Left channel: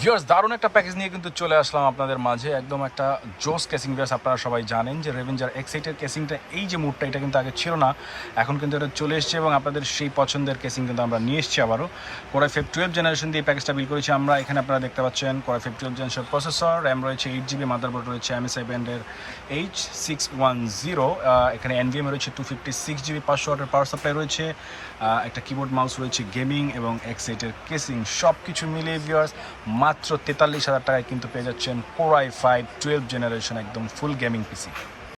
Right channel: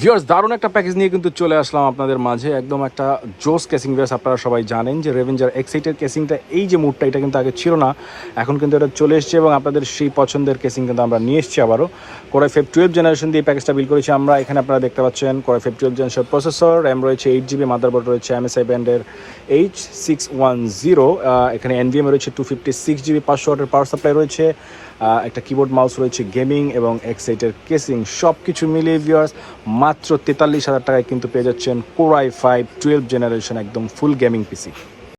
Viewers দারুণ একটা package নিয়ে কিন্তু চলে আসলাম আপনাদের মাঝে, একদম একটা জোস কেসিং। ভিউয়ার্স আপনারা সবাই জানেন যে রেভেঞ্জার এক্সাইটের কেসিংটা, এই যে মুডটা, এটা কিন্তু আগে ছিল না, এখন কিন্তু এটা চলে এসছে এবং আপনাদের সেই পছন্দের কেসিং কিন্তু আমরা নিয়ে এসেছি আবারও। কোরাই ফাইভ 12 জেনারেশন দিয়ে প্যাকেজটা বিল করেছি আমরা। এখানে আপনারা দেখতে পাচ্ছেন core i five 12 generation processor, RAM রয়েছে 8GB, মাদারবোর্ড রয়েছে MSI ব্যান্ডের H610, এখানে NVMe রয়েছে 256GB, 500 ওয়াটের পাওয়ার সাপ্লাই রয়েছে, একটা কিবোর্ড মাউস রয়েছে, গেমিং এবং এক্সাইটের কেসিং সব কিছু মিলিয়ে ভিউয়ার্স মাত্র 43,000 টাকায় কিন্তু পেয়ে যাচ্ছেন কোরাই ফাইভ 12 জেনারেশন একদম ফুল গেমিং পিসি।